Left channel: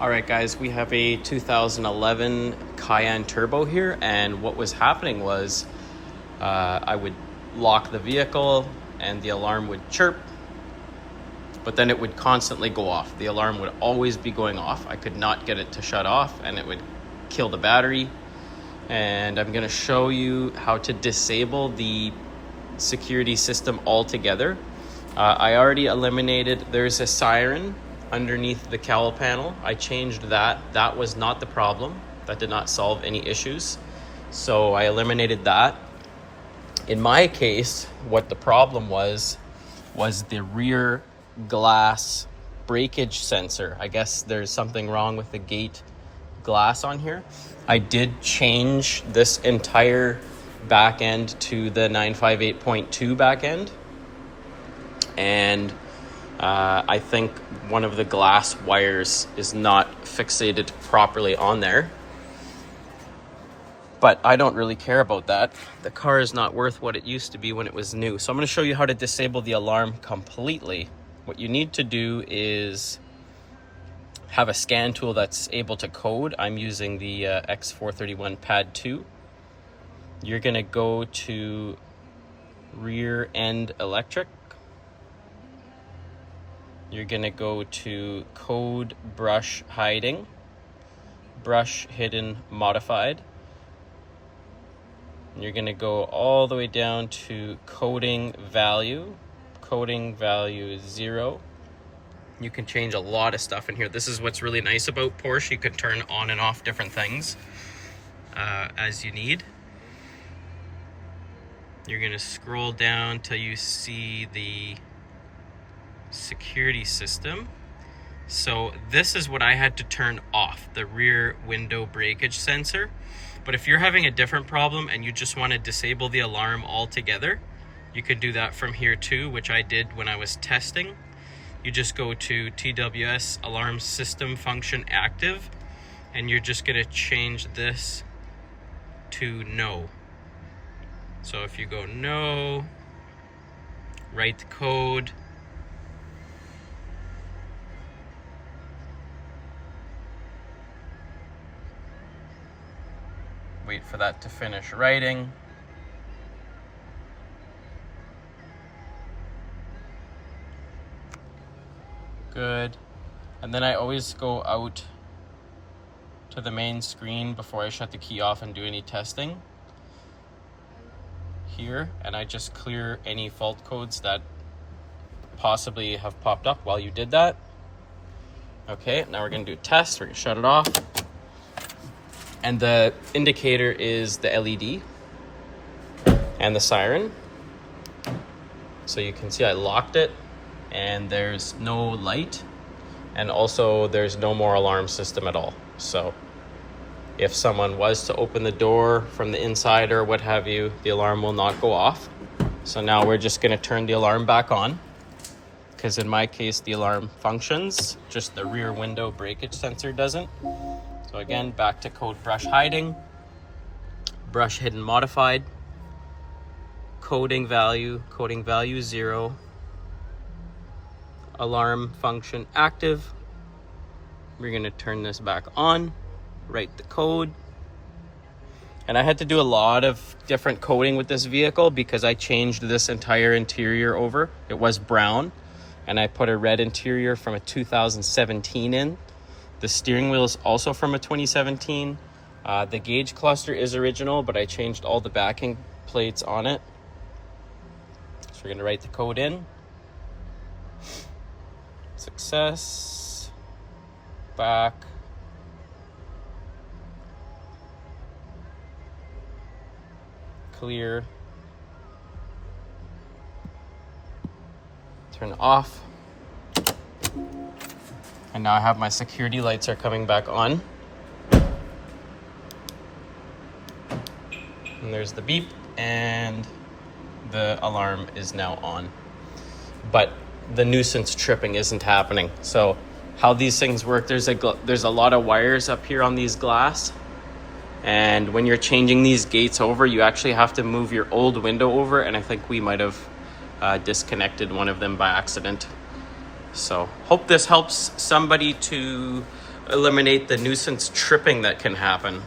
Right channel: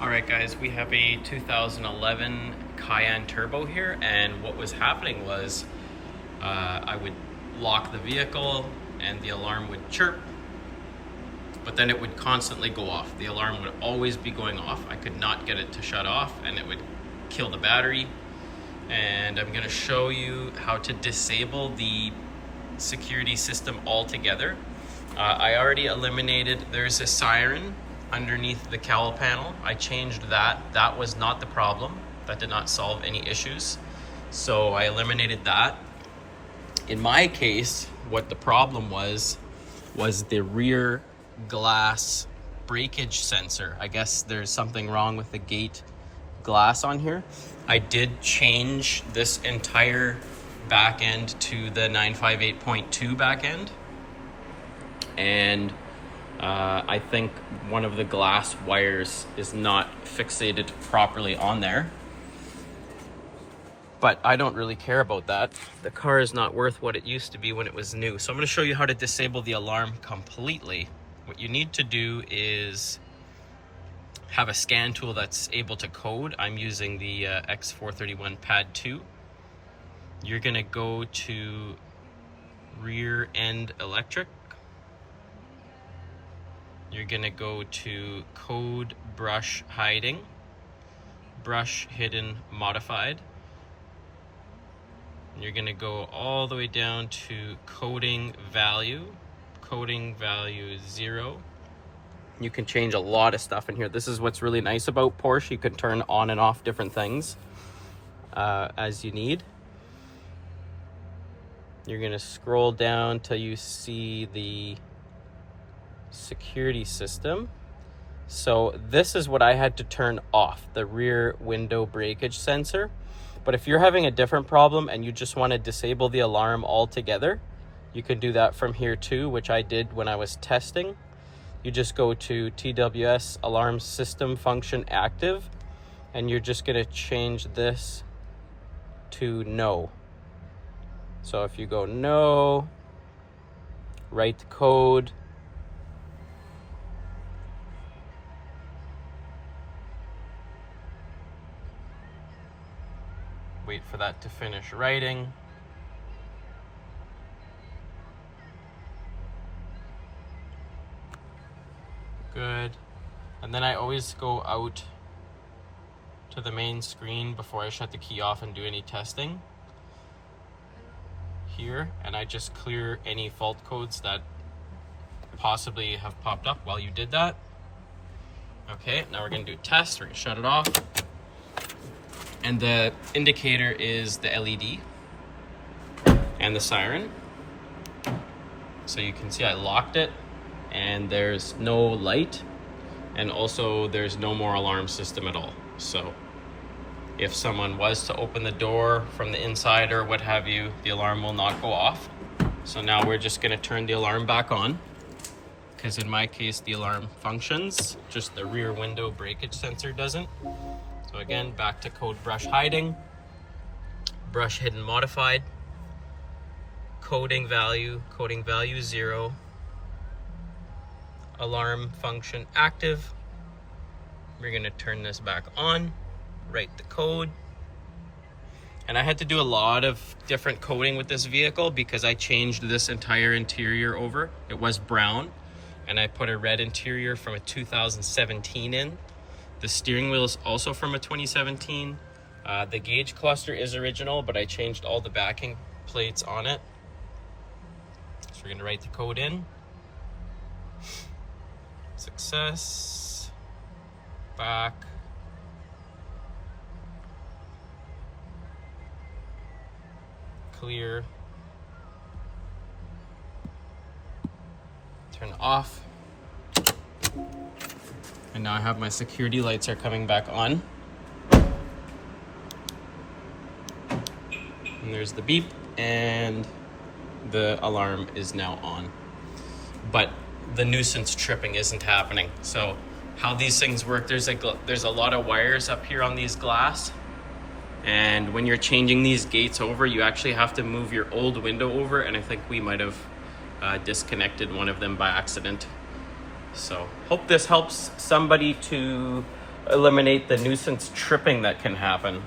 All right, guys, we have a 2011 Cayenne Turbo here, and what was happening was I would lock the vehicle and the alarm would chirp, but then it would constantly go off. The alarm would always be going off. I could not get it to shut off, and it would kill the battery. And I'm gonna show you how to disable the security system altogether. I already eliminated, there's a siren underneath the cowl panel. I changed that. That was not the problem. That did not solve any issues. So I eliminated that. In my case, what the problem was the rear glass breakage sensor. I guess there's something wrong with the gate glass on here. I did change this entire back end to the 958.2 back end. And I think one of the glass wires is not fixated properly on there. But I don't really care about that. The car is not worth what it used to be when it was new. So I'm going to show you how to disable the alarm completely. What you need to do is have a scan tool that's able to code. I'm using the X431 Pad 2. You're going to go to rear end electric. You're gonna go to code brush hiding, brush hidden modified. You're gonna go all the way down to coding value 0. You can change a lot of stuff in here. This is what's really nice about Porsche. You can turn on and off different things as you need. You're gonna scroll down till you see the security system. So this is what I had to turn off, the rear window breakage sensor. But if you're having a different problem and you just want to disable the alarm altogether, you can do that from here too, which I did when I was testing. You just go to TWS alarm system function active, and you're just going to change this to no. So if you go no, write the code, wait for that to finish writing. Good. And then I always go out to the main screen before I shut the key off and do any testing here, and I just clear any fault codes that possibly have popped up while you did that. Okay, now we're gonna do a test. We're gonna shut it off. And the indicator is the LED and the siren. So you can see I locked it and there's no light, and also there's no more alarm system at all. So if someone was to open the door from the inside or what have you, the alarm will not go off. So now we're just gonna turn the alarm back on, because in my case the alarm functions, just the rear window breakage sensor doesn't. So again, back to code brush hiding, brush hidden modified, coding value 0, alarm function active. We're gonna turn this back on, write the code. And I had to do a lot of different coding with this vehicle because I changed this entire interior over. It was brown, and I put a red interior from a 2017 in. The steering wheel is also from a 2017. The gauge cluster is original, but I changed all the backing plates on it. So we're gonna write the code in. Success. Back. Clear. Turn off. And now I have my security lights are coming back on. And there's the beep, and the alarm is now on. But the nuisance tripping isn't happening. So how these things work, there's a lot of wires up here on these glass. And when you're changing these gates over, you actually have to move your old window over. And I think we might have disconnected one of them by accident. So hope this helps somebody to eliminate the nuisance tripping that can happen.